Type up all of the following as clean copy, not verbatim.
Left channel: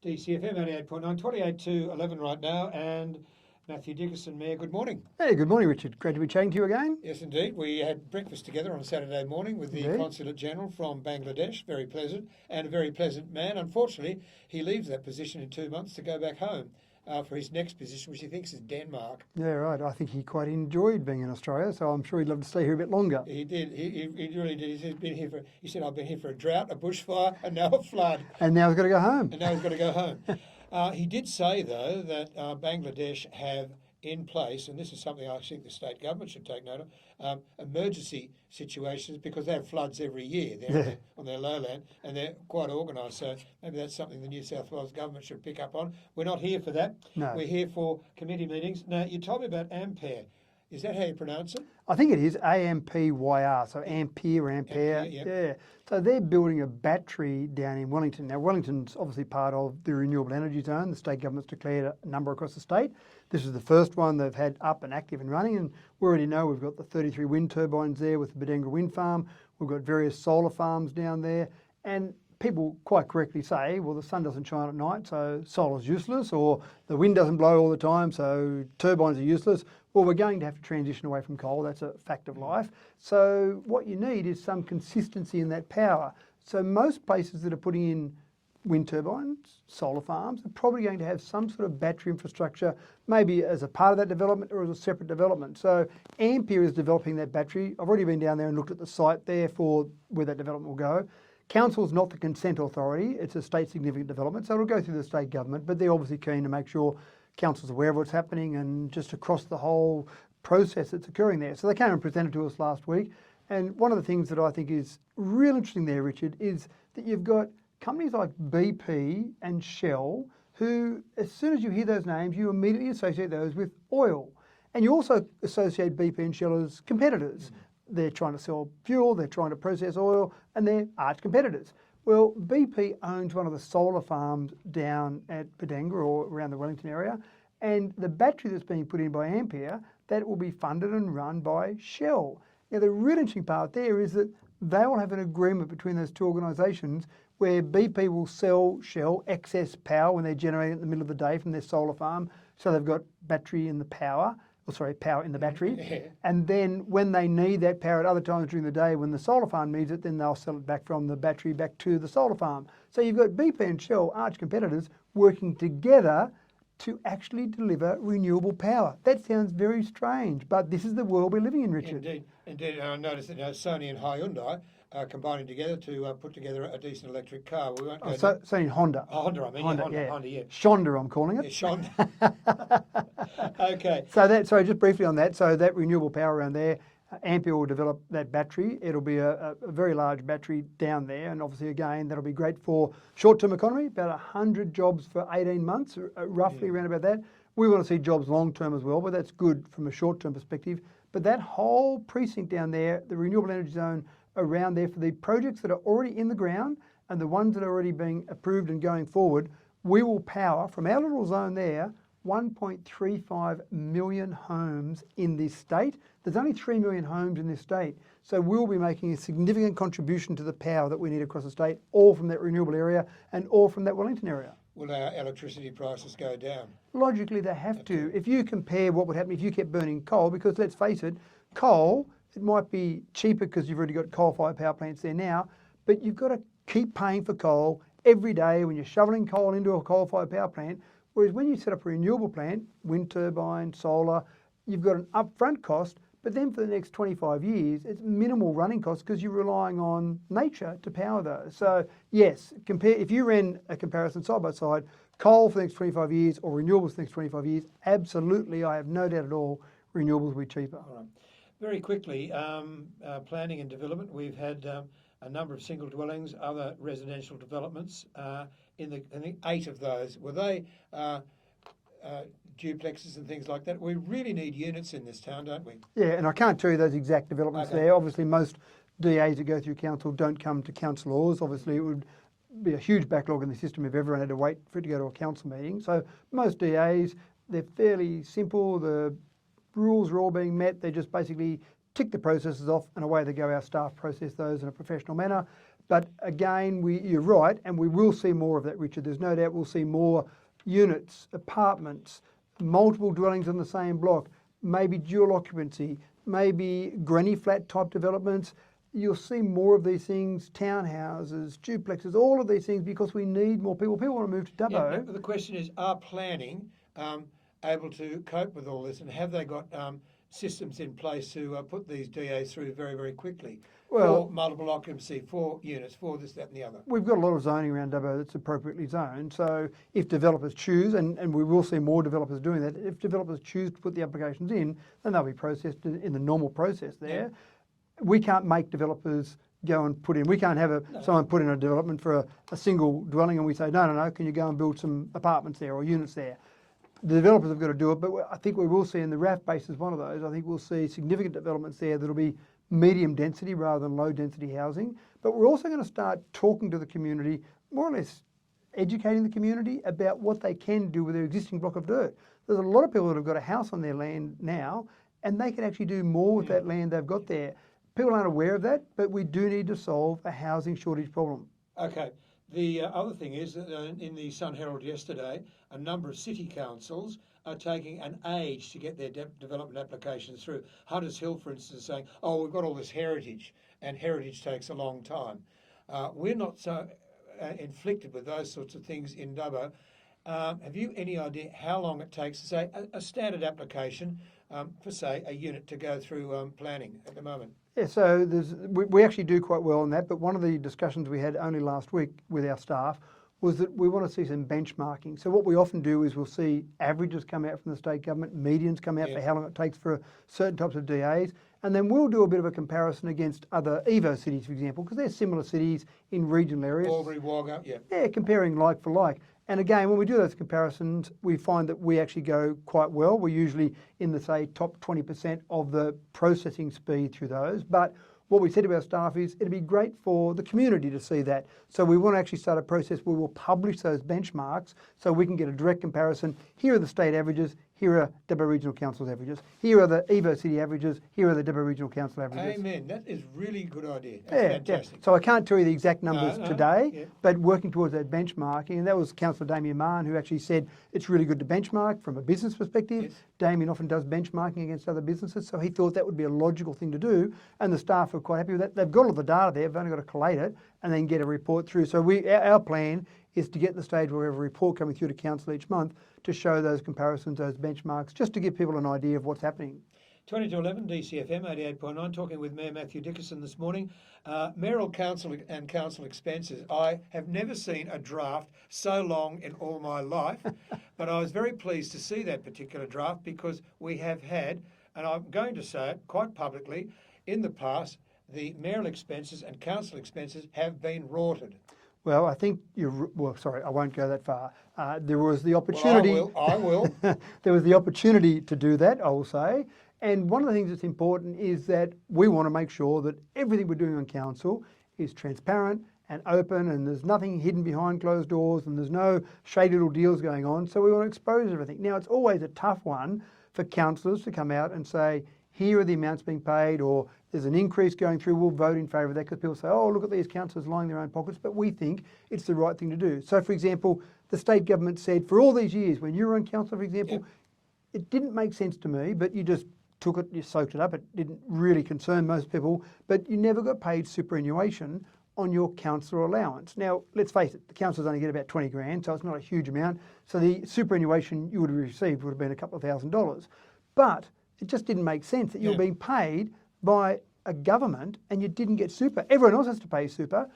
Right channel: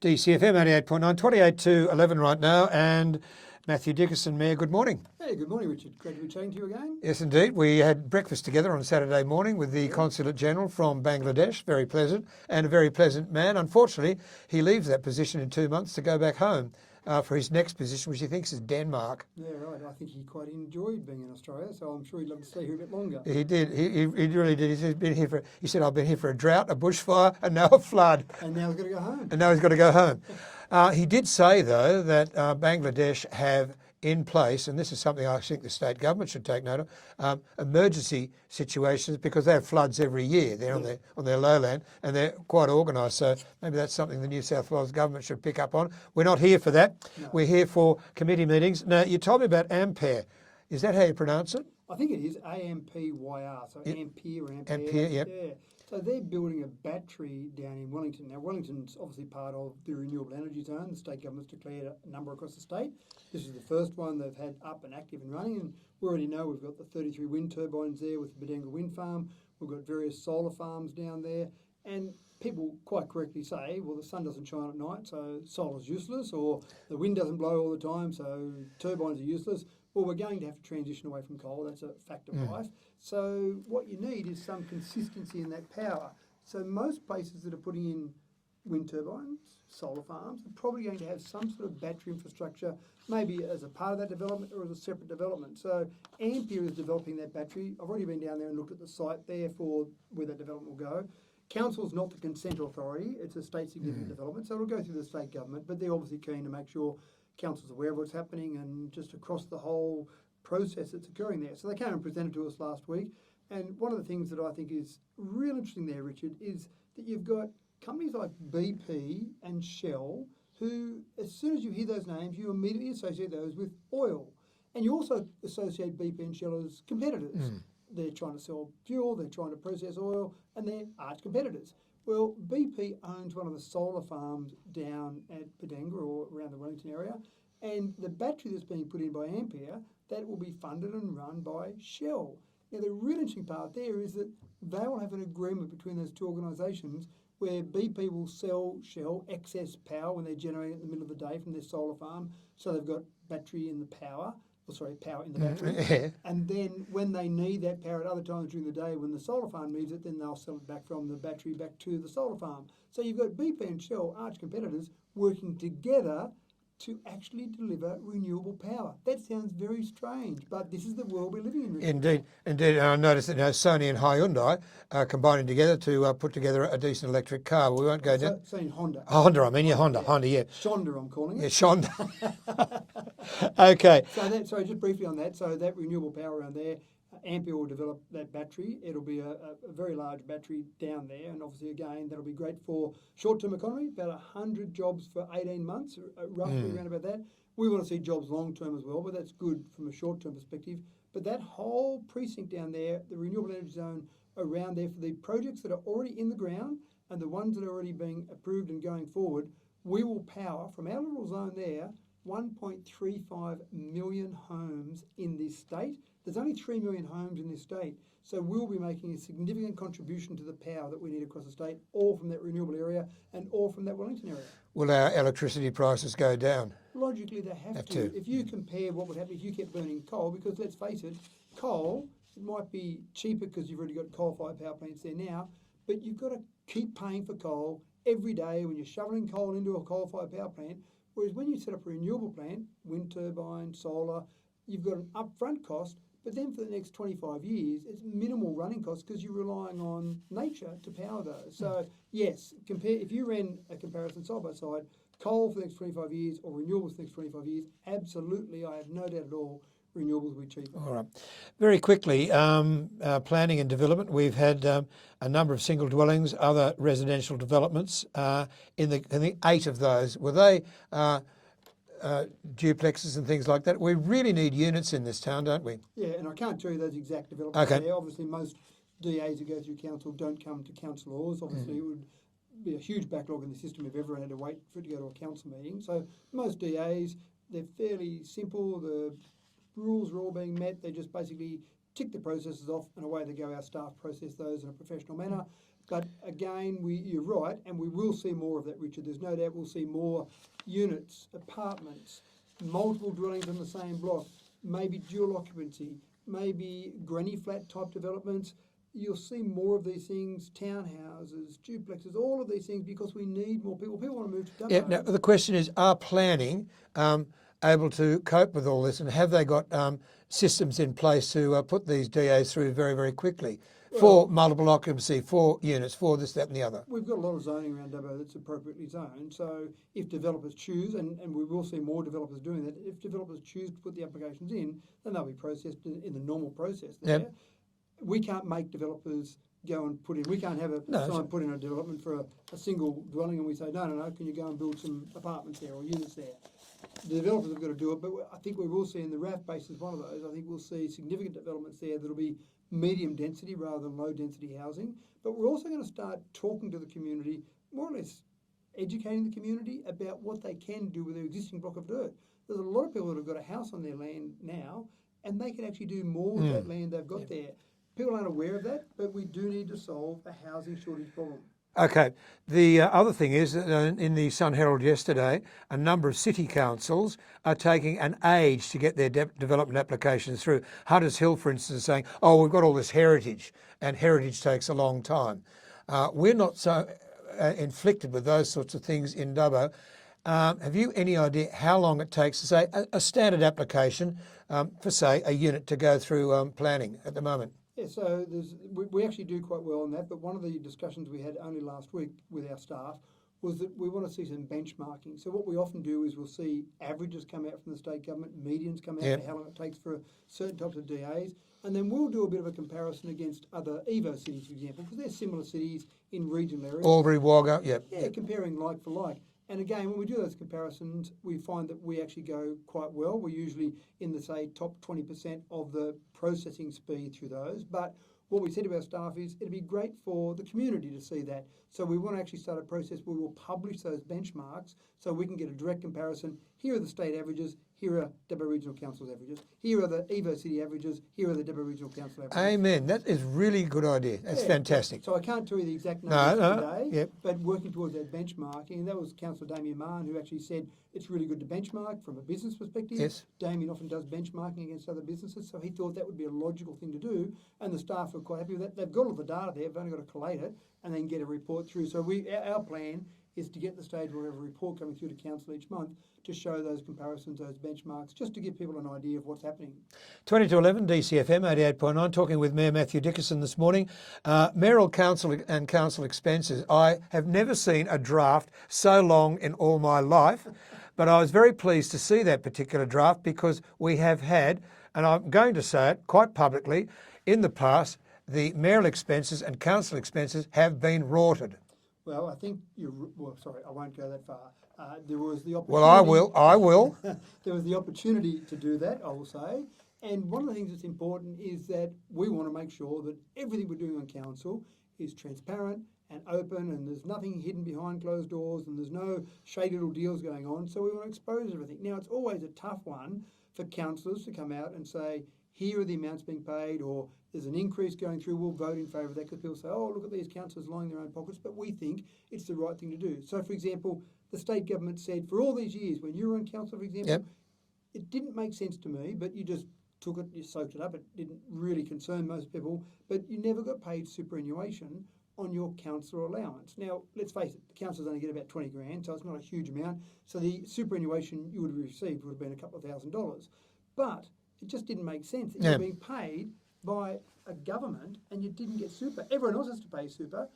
DCFM 88.9, 28 to 11 right now, and Mathew Dickerson, Mayor, good morning. Hey, good morning, Richard. Great to be chatting to you again. Yes, indeed. We had breakfast together on Saturday morning with the Consulate General from Bangladesh, very pleasant, and a very pleasant man. Unfortunately, he leaves that position in 2 months to go back home for his next position, which he thinks is Denmark. Yeah, right. I think he quite enjoyed being in Australia, so I'm sure he'd love to stay here a bit longer. He did. He really did. He said, I've been here for a drought, a bushfire, and now a flood. And now he's got to go home. And now he's got to go home. He did say, though, that Bangladesh have in place, and this is something I think the state government should take note of, emergency situations, because they have floods every year there on their lowland, and they're quite organised. So maybe that's something the New South Wales government should pick up on. We're not here for that. No. We're here for committee meetings. Now, you told me about Ampere. Is that how you pronounce it? I think it is AMPYR, so Ampere. Ampere, yep. Yeah. So they're building a battery down in Wellington. Now, Wellington's obviously part of the renewable energy zone. The state government's declared a number across the state. This is the first one they've had up and active and running, and we already know we've got the 33 wind turbines there with the Badenga wind farm. We've got various solar farms down there, and people quite correctly say, well, the sun doesn't shine at night, so solar's useless, or the wind doesn't blow all the time, so turbines are useless. Well, we're going to have to transition away from coal. That's a fact of life. So what you need is some consistency in that power. So most places that are putting in wind turbines, solar farms, are probably going to have some sort of battery infrastructure, maybe as a part of that development or as a separate development. So Ampere is developing that battery. I've already been down there and looked at the site there for where that development will go. Council's not the consent authority. It's a state significant development, so it'll go through the state government, but they're obviously keen to make sure Council's aware of what's happening and just across the whole process that's occurring there. So they came and presented to us last week, and one of the things that I think is real interesting there, Richard, is that you've got companies like BP and Shell who, as soon as you hear those names, you immediately associate those with oil. And you also associate BP and Shell as competitors. They're trying to sell fuel, they're trying to process oil, and they're arch competitors. Well, BP owns one of the solar farms down at Badenga or around the Wellington area, and the battery that's being put in by Ampere, that will be funded and run by Shell. Now, the really interesting part there is that they will have an agreement between those two organisations where BP will sell Shell excess power when they're generating it in the middle of the day from their solar farm, so they've got battery in the power. Power in the battery. And then when they need that power at other times during the day, when the solar farm needs it, then they'll sell it back from the battery back to the solar farm. So you've got BP and Shell, arch competitors, working together to actually deliver renewable power. That sounds very strange, but this is the world we're living in, Richard. Indeed. And I noticed that Sony and Hyundai are combining together to put together a decent electric car. We won't go down. Sony Honda. Honda, I mean, Honda, yeah. Shonda, I'm calling it. Yeah, Shonda. Okay. So just briefly on that, so that renewable power around there, Ampere will develop that battery. It'll be a very large battery down there, and obviously, again, that'll be great for short-term economy, about 100 jobs for 18 months, roughly around about that. We want to see jobs long-term as well, but that's good from a short-term perspective. But that whole precinct down there, the renewable energy zone around there, for the projects that are already in the ground and the ones that are already being approved and going forward, we will power, from our little zone there, 1.35 million homes in this state. There's only 3 million homes in this state. So we'll be making a significant contribution to the power that we need across the state, all from that renewable area and all from that Wellington area. Will our electricity prices go down? Logically, they have to. If you compare what would happen if you kept burning coal, because let's face it, coal, it might be cheaper because you've already got coal-fired power plants there now, but you've got to keep paying for coal every day when you're shoveling coal into a coal-fired power plant. Whereas when you set up a renewable plant, wind turbine, solar, you've got an upfront cost, but then for the next 25 years, it's minimal running costs because you're relying on nature to power those. So yes, if you ran a comparison side by side, coal for the next 25 years or renewables for the next 25 years, absolutely, I have no doubt at all, renewables will be cheaper. All right. Very quickly, planning and development. We've had a number of single dwellings, other residential developments. In the 8 of those, were they duplexes and things like that? We really need units in this town, don't we? Yeah, and I can't tell you those exact developments there. Obviously, most DAs that go through council don't come to councillors. Obviously, it would be a huge backlog in the system if everyone had to wait for it to go to a council meeting. So most DAs, they're fairly simple. The rules are all being met. They just basically tick the processes off and away they go. Our staff process those in a professional manner. But again, you're right, and we will see more of that, Richard. There's no doubt we'll see more units, apartments, multiple dwellings on the same block, maybe dual occupancy, maybe granny flat type developments. You'll see more of these things, townhouses, duplexes, all of these things, because we need more people. People want to move to Dubbo. Yeah, now, the question is, are planning able to cope with all this, and have they got systems in place to put these DAs through very, very quickly for multiple occupancy, for units, for this, that and the other? We've got a lot of zoning around Dubbo that's appropriately zoned. So if developers choose, and we will see more developers doing that, if developers choose to put the applications in, then they'll be processed in the normal process there. Yep. We can't make developers go and put in, we can't have someone put in a development for a single dwelling and we say, no, can you go and build some apartments there or units there? The developers have got to do it, but I think we will see, and the RAF base is one of those, I think we'll see significant developments there that'll be medium density rather than low density housing. But we're also going to start talking to the community, more or less educating the community about what they can do with their existing block of dirt. There's a lot of people that have got a house on their land now, and they can actually do more with that land they've got there. People aren't aware of that, but we do need to solve a housing shortage problem. Okay. The other thing is, in the Sun Herald yesterday, a number of city councils are taking an age to get their development applications through. Hunters Hill, for instance, is saying, oh, we've got all this heritage, and heritage takes a long time. We're not so inflicted with those sorts of things in Dubbo. Have you any idea how long it takes to say a standard application for, say, a unit to go through planning at the moment? Yeah, so we actually do quite well on that, but one of the discussions we had only last week with our staff was that we want to see some benchmarking. So what we often do is we'll see averages come out from the state government, medians come out for how long it takes for certain types of DAs, and then we'll do a bit of a comparison against other Evo cities, for example, because they're similar cities in regional areas. Albury, Wagga, Yeah, comparing like for like. And again, when we do those comparisons, we find that we actually go quite well. We're usually in the, say, top 20% of the processing speed through those. But what we said to our staff is it'd be great for the community to see that. So we want to actually start a process where we'll publish those benchmarks so we can get a direct comparison. Here are the state averages. Here are Dubbo Regional Council's averages. Here are the Evo City averages. Here are the Dubbo Regional Council averages. Amen. That is really a good idea. That's fantastic. Yeah. So I can't tell you the exact numbers today, but working towards that benchmarking, and that was Councillor Damien Mann who actually said it's really good to benchmark from a business perspective. Yes. Damien often does benchmarking against other businesses, so he thought that would be a logical thing to do, and the staff are quite happy with that. They've got all the data there, they've only got to collate it and then get a report through. So our plan is to get the stage where we have a report coming through to council each month to show those comparisons, those benchmarks, just to give people an idea of what's happening. 20 to 11, DCFM 88.9, talking with Mayor Mathew Dickerson this morning. Mayoral council and council expenses. I have never seen a draft so long in all my life, but I was very pleased to see that particular draft because we have had, and I'm going to say it quite publicly, in the past, the mayoral expenses and council expenses have been rorted. Well, I think sorry, I won't go that far. There was the opportunity. Well, I will. There was the opportunity to do that, I will say. And one of the things that's important is that we want to make sure that everything we're doing on council is transparent and open, and there's nothing hidden behind closed doors, and there's no shady little deals going on. So we want to expose everything. Now, it's always a tough one for councillors to come out and say, here are the amounts being paid, or there's an increase going through, we'll vote in favour of that, because people say, oh, look at these councillors lining their own pockets, but we think it's the right thing to do. So, for example, the state government said for all these years, when you were on council, for example, it didn't make sense to me, but you just took it, you soaked it up, it didn't really concern most people, but you never got paid superannuation on your councillor allowance. Now, let's face it, the councillors only get about 20 grand, so it's not a huge amount, so the superannuation you would have received would have been a couple of $1,000s. But it just didn't make sense that you were being paid by a government and you didn't get super. Everyone else has to pay super.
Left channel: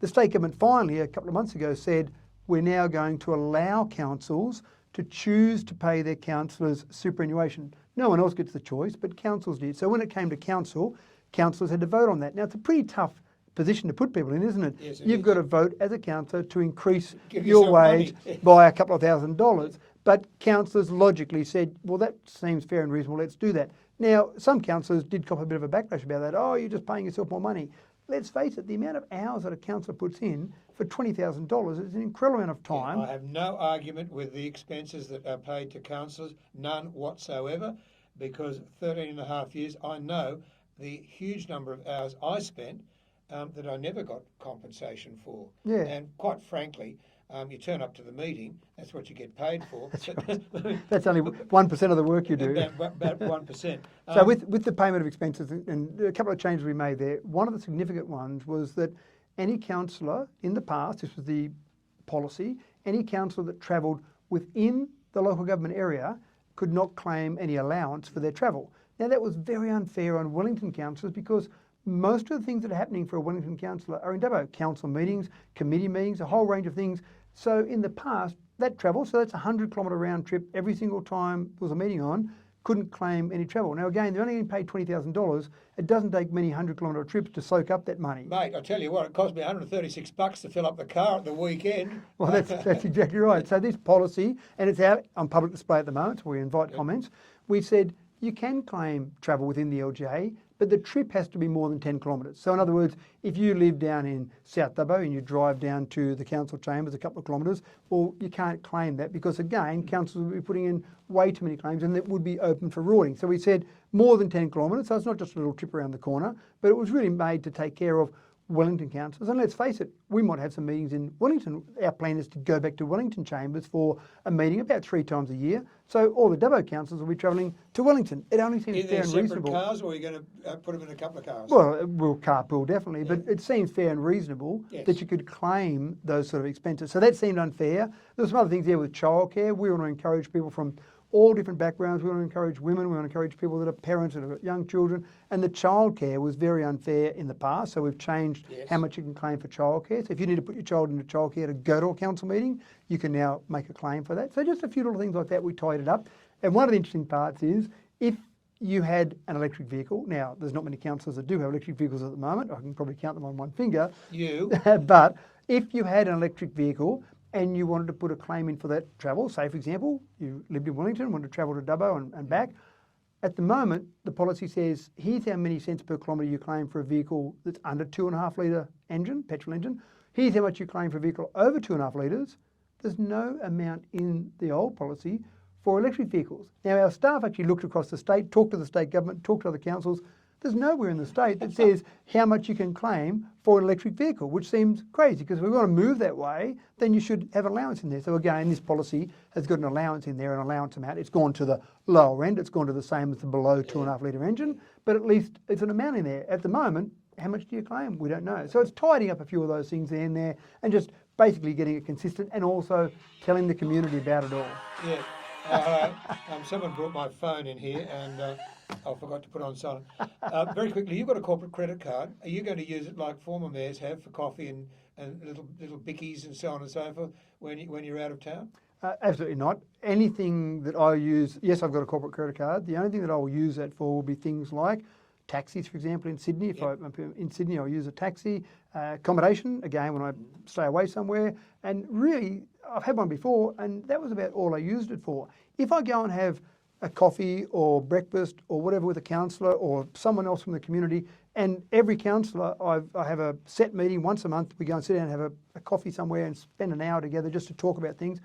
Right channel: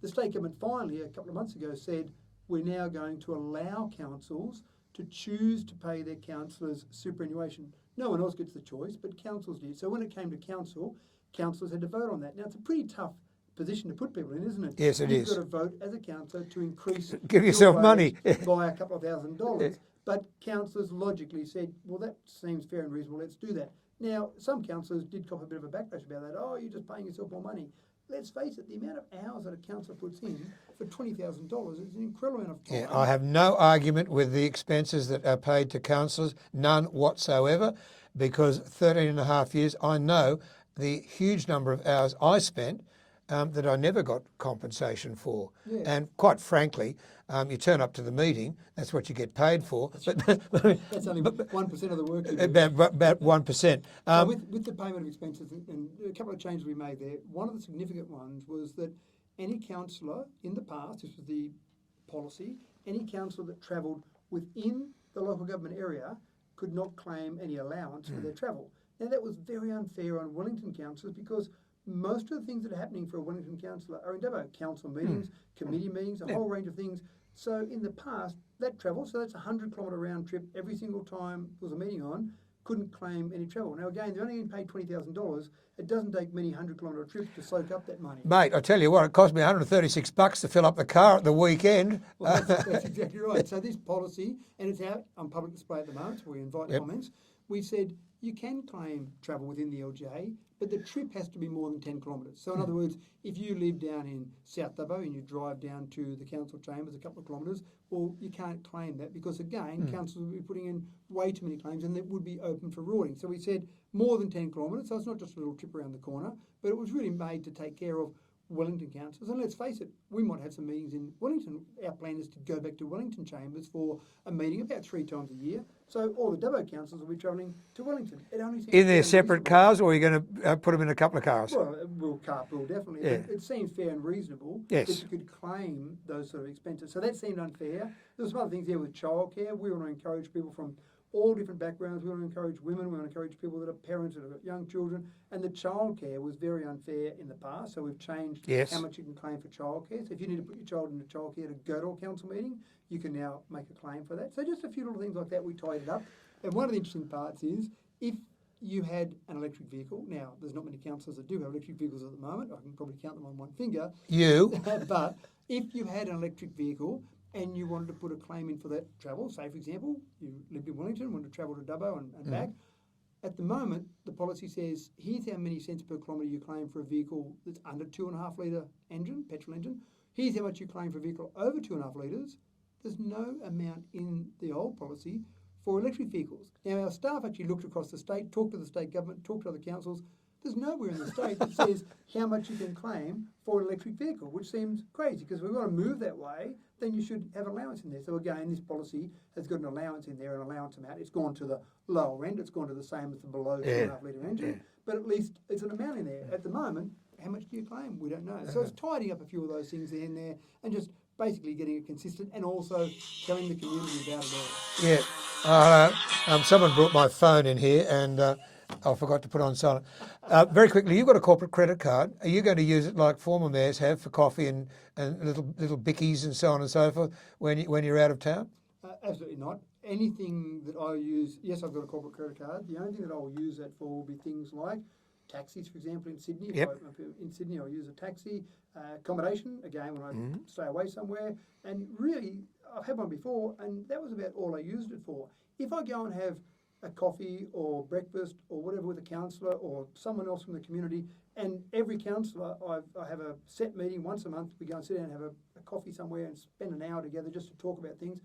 The state government finally, a couple of months ago, said we're now going to allow councils to choose to pay their councillors superannuation. No one else gets the choice, but councils did. So when it came to council, councillors had to vote on that. Now, it's a pretty tough position to put people in, isn't it? Yes, it You've is. got to vote as a councillor to increase Give your yourself wage money. by a couple of $1,000s. But councillors logically said, well, that seems fair and reasonable, let's do that. Now, some councillors did cop a bit of a backlash about that. Oh, you're just paying yourself more money. Let's face it, the amount of hours that a councillor puts in for $20,000 is an incredible amount of time. Yeah, I have no argument with the expenses that are paid to councillors, none whatsoever, because 13 and a half years, I know the huge number of hours I spent that I never got compensation for. Yeah. And quite frankly, you turn up to the meeting, that's what you get paid for. That's only 1% of the work you do. About 1%. So with the payment of expenses, and a couple of changes we made there, one of the significant ones was that any councillor in the past, this was the policy, any councillor that travelled within the local government area could not claim any allowance for their travel. Now that was very unfair on Wellington councillors because most of the things that are happening for a Wellington councillor are in Dubbo. Council meetings, committee meetings, a whole range of things. So in the past, that travel, so that's a 100-kilometre round trip every single time there was a meeting on, couldn't claim any travel. Now again, they're only getting paid $20,000. It doesn't take many 100-kilometre trips to soak up that money. Mate, I tell you what, it cost me $136 to fill up the car at the weekend. Well, that's exactly right. So this policy, and it's out on public display at the moment, so we invite comments. We've said you can claim travel within the LGA, but the trip has to be more than 10 kilometres. So in other words, if you live down in South Dubbo and you drive down to the council chambers a couple of kilometres, well, you can't claim that because again, councils will be putting in way too many claims and that would be open for rorting. So we said more than 10 kilometres, so it's not just a little trip around the corner, but it was really made to take care of Wellington councillors. And let's face it, we might have some meetings in Wellington. Our plan is to go back to Wellington chambers for a meeting about 3 times a year. So all the Dubbo councillors will be travelling to Wellington. It only seems In their fair and separate reasonable. cars, or are you going to put them in a couple of cars? Well, we'll carpool definitely, Yeah. but it seems fair and reasonable Yes. that you could claim those sort of expenses. So that seemed unfair. There's some other things there with childcare. We want to encourage people from all different backgrounds. We want to encourage women. We want to encourage people that are parents that have got young children. And the childcare was very unfair in the past. So we've changed Yes. how much you can claim for childcare. So if you need to put your child into childcare to go to a council meeting, you can now make a claim for that. So just a few little things like that, we tied it up. And one of the interesting parts is if you had an electric vehicle, now there's not many councillors that do have electric vehicles at the moment. I can probably count them on one finger. You? But if you had an electric vehicle and you wanted to put a claim in for that travel, say for example, you lived in Wellington, wanted to travel to Dubbo and back, at the moment the policy says here's how many cents per kilometre you claim for a vehicle that's under 2.5 litre engine, petrol engine. Here's how much you claim for a vehicle over 2.5 litres. There's no amount in the old policy for electric vehicles. Now our staff actually looked across the state, talked to the state government, talked to other councils. There's nowhere in the state that says how much you can claim for an electric vehicle, which seems crazy because if we want to move that way, then you should have allowance in there. So again, this policy has got an allowance in there, an allowance amount. It's gone to the lower end. It's gone to the same as the below 2.5 litre engine, but at least it's an amount in there. At the moment, how much do you claim? We don't know. So it's tidying up a few of those things in there and just basically getting it consistent and also telling the community about it all. Yeah. Someone brought my phone in here and I forgot to put on silent. Very quickly, you've got a corporate credit card. Are you going to use it like former mayors have for coffee and little bickies and so on and so forth when you're out of town? Absolutely not. Anything that I use, yes, I've got a corporate credit card. The only thing that I will use that for will be things like taxis, for example, in Sydney. If I'm in Sydney, I'll use a taxi. Accommodation, again, when I stay away somewhere. And really, I've had one before, and that was about all I used it for. If I go and have a coffee or breakfast or whatever with a councillor or someone else from the community, and every councillor, I have a set meeting once a month. We go and sit down and have a coffee somewhere and spend an hour together just to talk about things.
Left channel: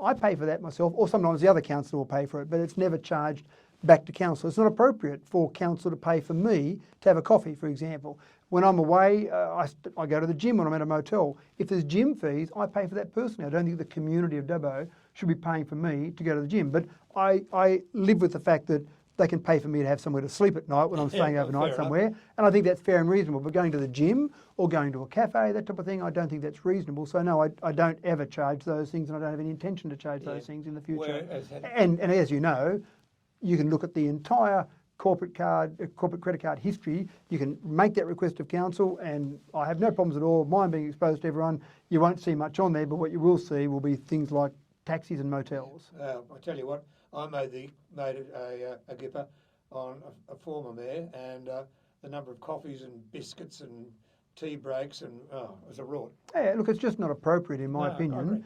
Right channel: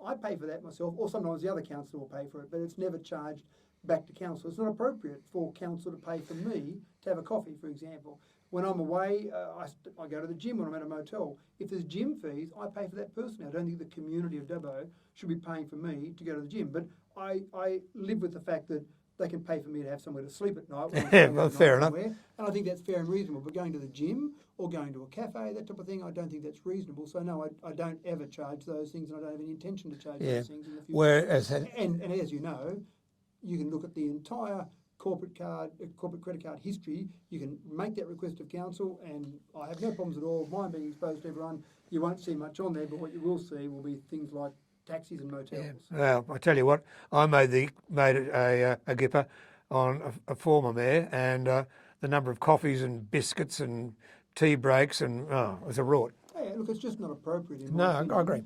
I pay for that myself, or sometimes the other councillor will pay for it, but it's never charged back to council. It's not appropriate for council to pay for me to have a coffee, for example. When I'm away, I go to the gym when I'm at a motel. If there's gym fees, I pay for that personally. I don't think the community of Dubbo should be paying for me to go to the gym. But I live with the fact that they can pay for me to have somewhere to sleep at night when I'm staying overnight somewhere. And I think that's fair and reasonable. But going to the gym or going to a cafe, that type of thing, I don't think that's reasonable. So no, I don't ever charge those things, and I don't have any intention to charge those things in the future. And as you know, you can look at the entire corporate credit card history. You can make that request of council, and I have no problems at all. Mine being exposed to everyone, you won't see much on there, but what you will see will be things like taxis and motels. Yeah. Well, I tell you what, I made a gipper on a former mayor, and the number of coffees and biscuits and tea breaks, and it was a rort. Yeah, look, it's just not appropriate in my opinion. I agree.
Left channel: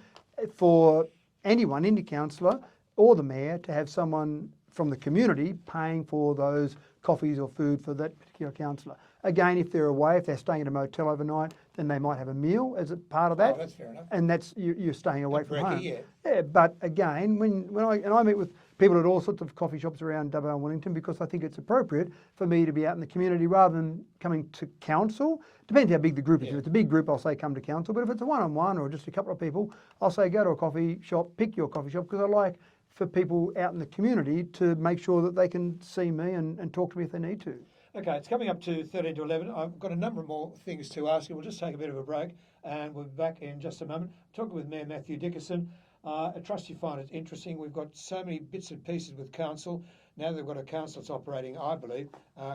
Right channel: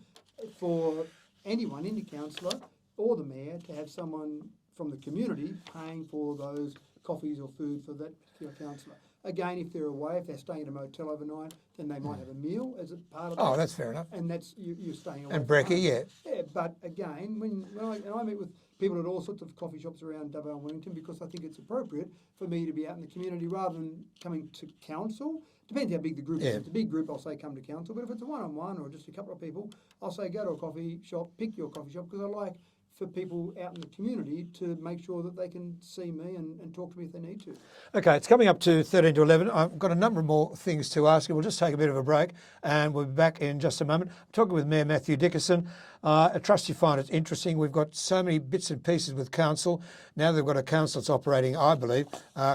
For anyone, any councillor or the mayor, to have someone from the community paying for those coffees or food for that particular councillor. Again, if they're away, if they're staying at a motel overnight, then they might have a meal as a part of that. Oh, that's fair enough. And that's you're staying away And from brekkie, home. Yeah, but again, when I meet with people at all sorts of coffee shops around Dubbo and Wellington, because I think it's appropriate for me to be out in the community rather than coming to council. Depends how big the group is. If it's a big group, I'll say come to council. But if it's a one-on-one or just a couple of people, I'll say go to a coffee shop, pick your coffee shop, because I like for people out in the community to make sure that they can see me and talk to me if they need to. Okay, it's coming up to 13 to 11. I've got a number of more things to ask you. We'll just take a bit of a break and we'll be back in just a moment. I'm talking with Mayor Mathew Dickerson. I trust you find it interesting. We've got so many bits and pieces with council. Now they've got a council that's operating, I believe,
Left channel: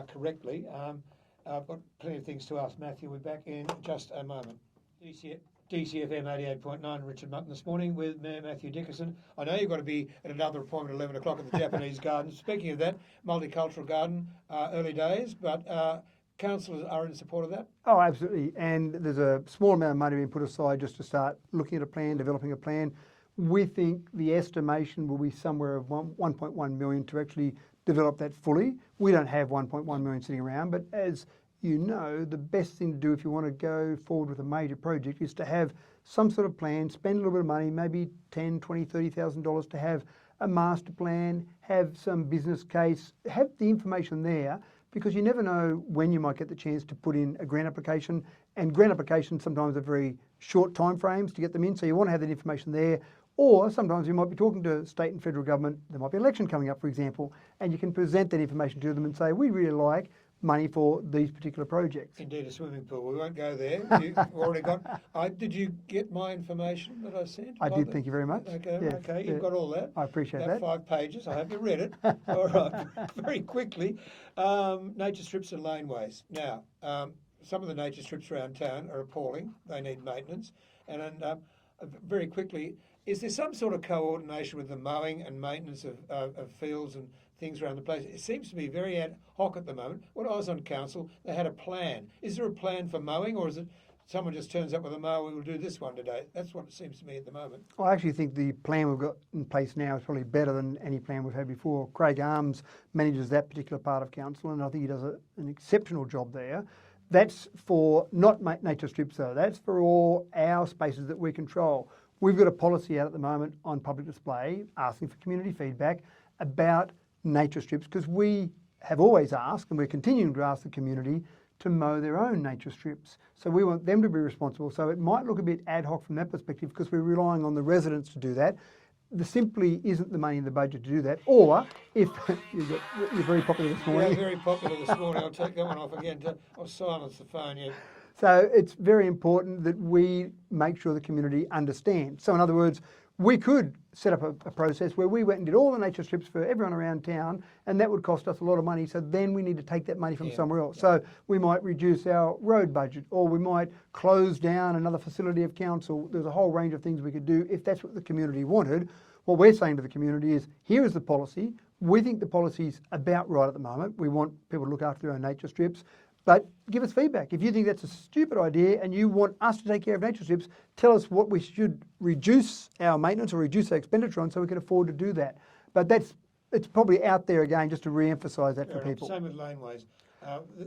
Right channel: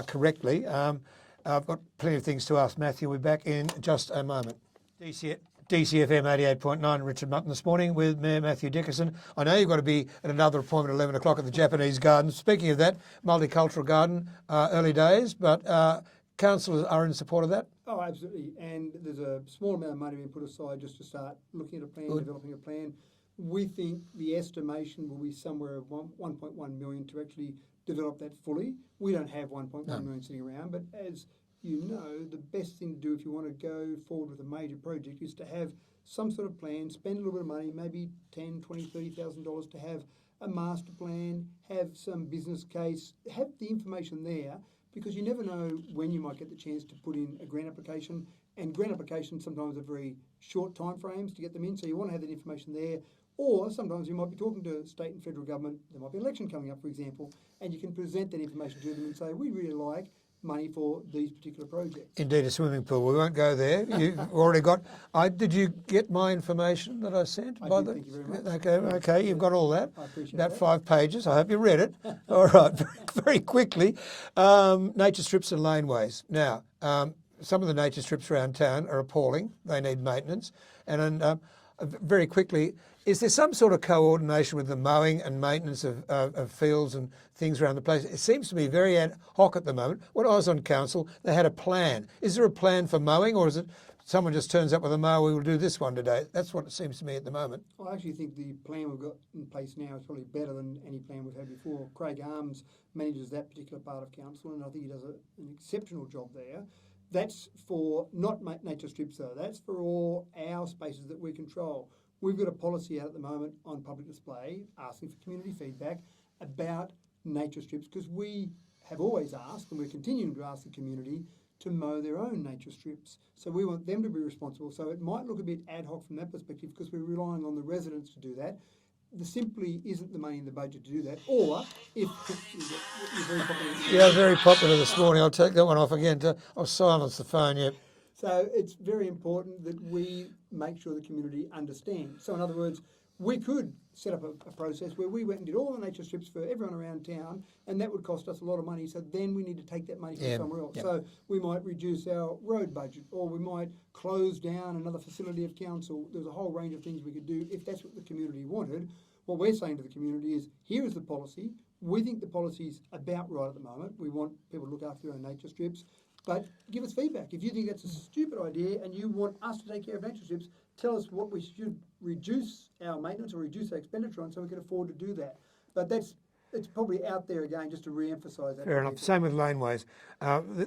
correctly. I've got plenty of things to ask Mathew. We'll be back in just a moment. DCFM 88.9, Richard Mutton this morning with Mayor Mathew Dickerson. I know you've got to be at another appointment at 11 o'clock at the Japanese Garden. Speaking of that, multicultural garden, early days, but councillors are in support of that? Oh, absolutely. And there's a small amount of money being put aside just to start looking at a plan, developing a plan. We think the estimation will be somewhere of 1.1 million to actually develop that fully. We don't have 1.1 million sitting around, but as you know, the best thing to do if you want to go forward with a major project is to have some sort of plan, spend a little bit of money, maybe $10,000, $20,000, $30,000 to have a master plan, have some business case, have the information there, because you never know when you might get the chance to put in a grant application, and grant applications sometimes are very short time frames to get them in, so you want to have that information there. Or sometimes you might be talking to state and federal government, there might be an election coming up, for example, and you can present that information to them and say, we really like money for these particular projects. Indeed, a swimming pool. We won't go there. You've already got... did you get my information that I sent? I did, thank you very much. Okay, Yes, okay, you've got all that. I appreciate that. 5 pages. I hope you read it. All right, very quickly. Nature strips and laneways. Now, some of the nature strips around town are appalling. They need maintenance. And very quickly, is there some sort of coordination with the mowing and maintenance of fields and things around the place? It seems to be very ad hoc at the moment. When I was on council, they had a plan. Is there a plan for mowing, or is it someone just turns up with a mower, we will do this one today? That's what it seems to me at the moment. I actually think the plan we've got in place now is probably better than any plan we've had before. Craig Arms manages that particular part of council, and I think he does an exceptional job there. That's for not nature strips though, that's for all our spaces that we control. We've got a policy out at the moment on public display asking for community feedback about nature strips, because we have always asked, and we're continuing to ask the community to mow their own nature strips. So we want them to be responsible. So it might look a bit ad hoc from that perspective because we're relying on the residents to do that. There simply isn't the money in the budget to do that. Or if you're very popular this morning. Yeah, very popular this morning. I'll take that one off again. I'll silence the phone, yeah. So it's very important that we make sure the community understands. So in other words, we could set up a process where we went and did all the nature strips for everyone around town, and that would cost us a lot of money. So then we need to take that money from somewhere else. So we might reduce our road budget, or we might close down another facility of council. There's a whole range of things we could do if that's what the community wanted. What we're saying to the community is, here is the policy. We think the policy's about right at the moment. We want people to look after their own nature strips. But give us feedback. If you think that's a stupid idea and you want us to take care of nature strips, tell us what we should reduce our maintenance or reduce our expenditure on so we can afford to do that. But it's probably out there again just to re-emphasise that Fair to enough. people. Same with laneways.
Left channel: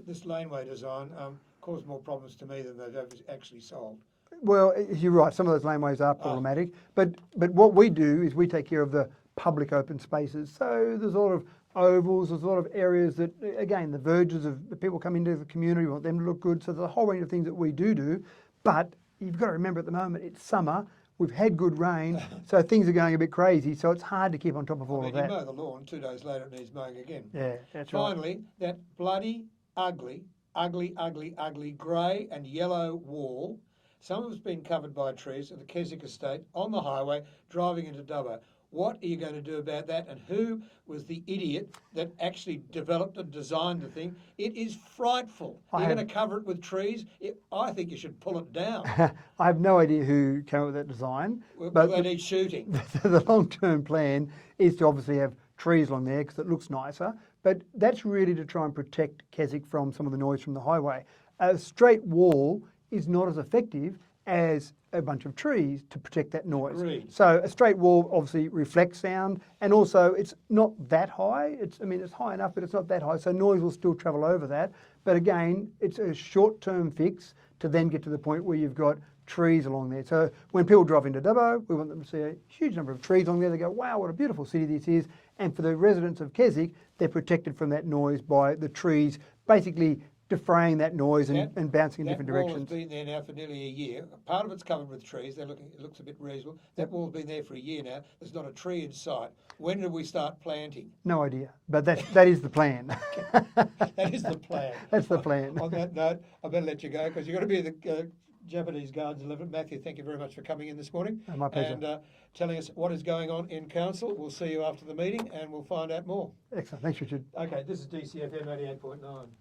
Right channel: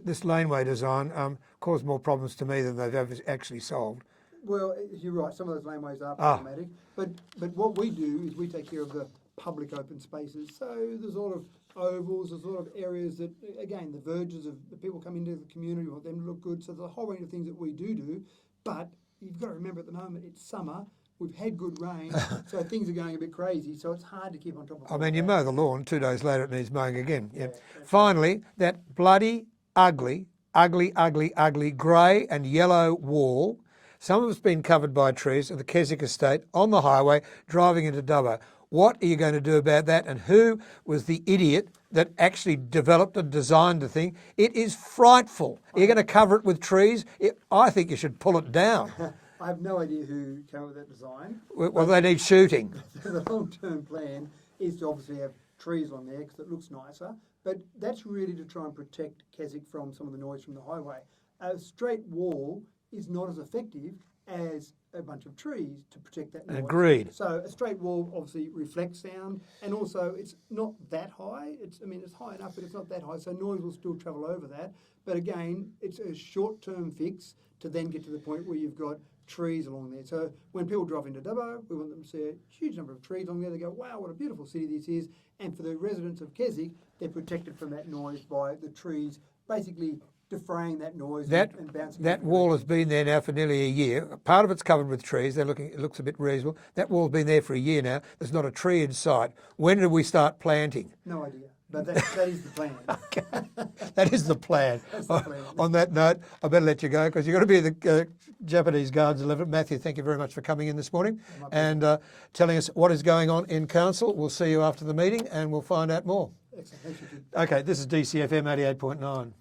This laneway design caused more problems to me than they've ever actually solved. Well, you're right. Some of those laneways are problematic. But what we do is we take care of the public open spaces. So there's a lot of ovals, there's a lot of areas that, again, the verges of the people come into the community, we want them to look good. So there's a whole range of things that we do. But you've got to remember at the moment, it's summer. We've had good rain, so things are going a bit crazy. So it's hard to keep on top of all of that. You mow the lawn, 2 days later it needs mowing again. Yeah, that's Finally, right. that bloody, ugly grey and yellow wall. Some of it's been covered by trees at the Keswick estate on the highway driving into Dubbo. What are you going to do about that? And who was the idiot that actually developed and designed the thing? It is frightful. You're going to cover it with trees? I think you should pull it down. I have no idea who came up with that design. Well, they need shooting. The long-term plan is to obviously have trees along there because it looks nicer, but that's really to try and protect Keswick from some of the noise from the highway. A straight wall is not as effective as a bunch of trees to protect that noise. Agreed. So a straight wall obviously reflects sound, and also it's not that high. It's high enough, but it's not that high, so noise will still travel over that. But again, it's a short-term fix to then get to the point where you've got trees along there. So when people drive into Dubbo, we want them to see a huge number of trees along there. They go, wow, what a beautiful city this is. And for the residents of Keswick, they're protected from that noise by the trees basically defraying that noise and bouncing in That different wall directions. has been there now for nearly a year. Part of it's covered with trees. It looks a bit reasonable. That wall's been there for a year now. There's not a tree in sight. When do we start planting? No idea, but that is the plan. That is the plan. That's the plan. On that note, I better let you go because you've got to be at the Japanese Gardens 11. Matthew, thank you very much for coming in this morning My pleasure. and telling us what is going on in council. We'll see you after the meeting and we'll find out more. Excellent. Thanks, Richard. Okay, this is DCFM 88.9.